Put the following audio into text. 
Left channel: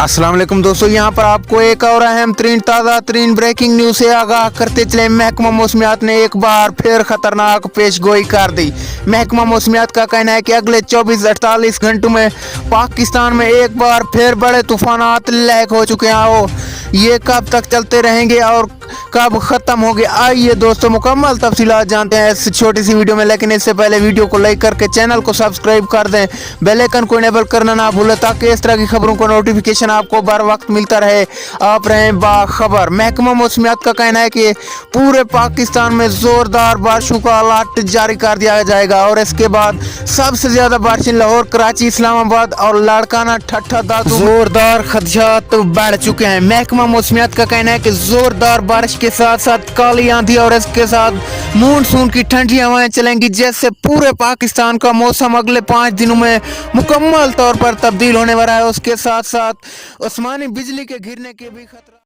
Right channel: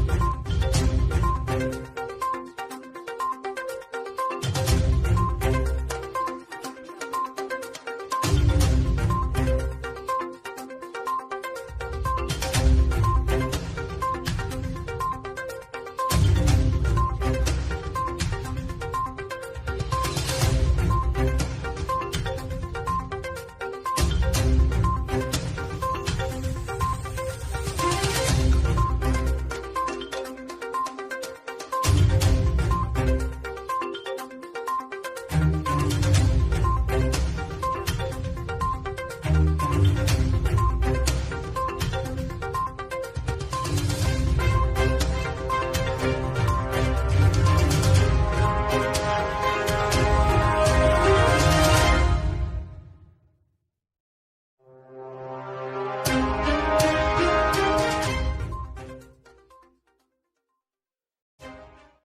अस्सलाम वालेकुम दोस्तों, यहाँ पर आपको एक और अहम तरीन ताज़ा तरीन ब्रेकिंग न्यूज़ से आगाह करते चले। महकमा मौसमियात ने एक बार फिर खतरनाक पेशगोई कर दी। महकमा मौसमियात का कहना है कि अगले 24-48 घंटों में पाकिस्तान में एक बार फिर बड़े तूफानात लैक हो चुके हैं। और ये कब तक चलते रहेंगे और कब ख़त्म होंगे, आइए दोस्तों मुकम्मल तफसीलात जानते हैं इस छोटी सी वीडियो में। लेकिन इससे पहले वीडियो को लाइक करके चैनल को सब्सक्राइब कर दें, बेल आइकन को इनेबल करना ना भूलें ताकि इस तरह की खबरों को नोटिफिकेशन आपको बर वक्त मिलता रहे, आप रहें बाखबर। महकमा मौसमियात का कहना है कि पूरे पाकिस्तान में ज़ोरदार बारिशों का अलर्ट जारी कर दिया जाएगा और इसके बाद सबसे ज़्यादा बारिशें लाहौर, कराची, इस्लामाबाद और लाड़काना, ठट्ठा, दादू ज़ोरदार खदशात बढ़ चुके हैं। महकमा मौसमियात का कहना है कि ज़ोरदार बारिश के साथ साथ काली आंधी और इसके साथ मानसून की ठंडी हवाएं चलेंगी, जिससे पूरे पाकिस्तान का मौसम अगले 5 दिनों में मुकम्मल तौर पर तब्दील होने वाला है। उसके साथ साथ आसमानी बिजली के गिरने के भी खतरा